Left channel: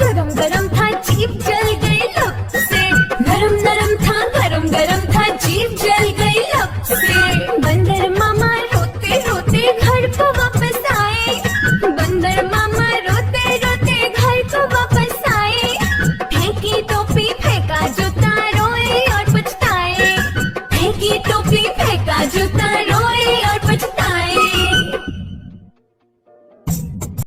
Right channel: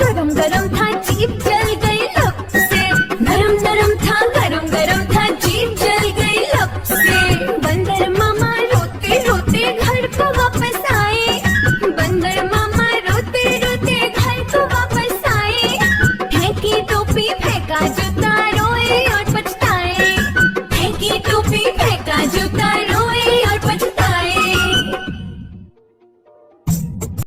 गरम गरम था जीभ जल गई लब से। नरम नरम था गरम गरम था जीभ जल गई लब से। बंदर मामा रोते रोते घर को वापस आए। बंदर मामा रोते रोते घर को वापस आए। फेंकी टोपी फेंका जो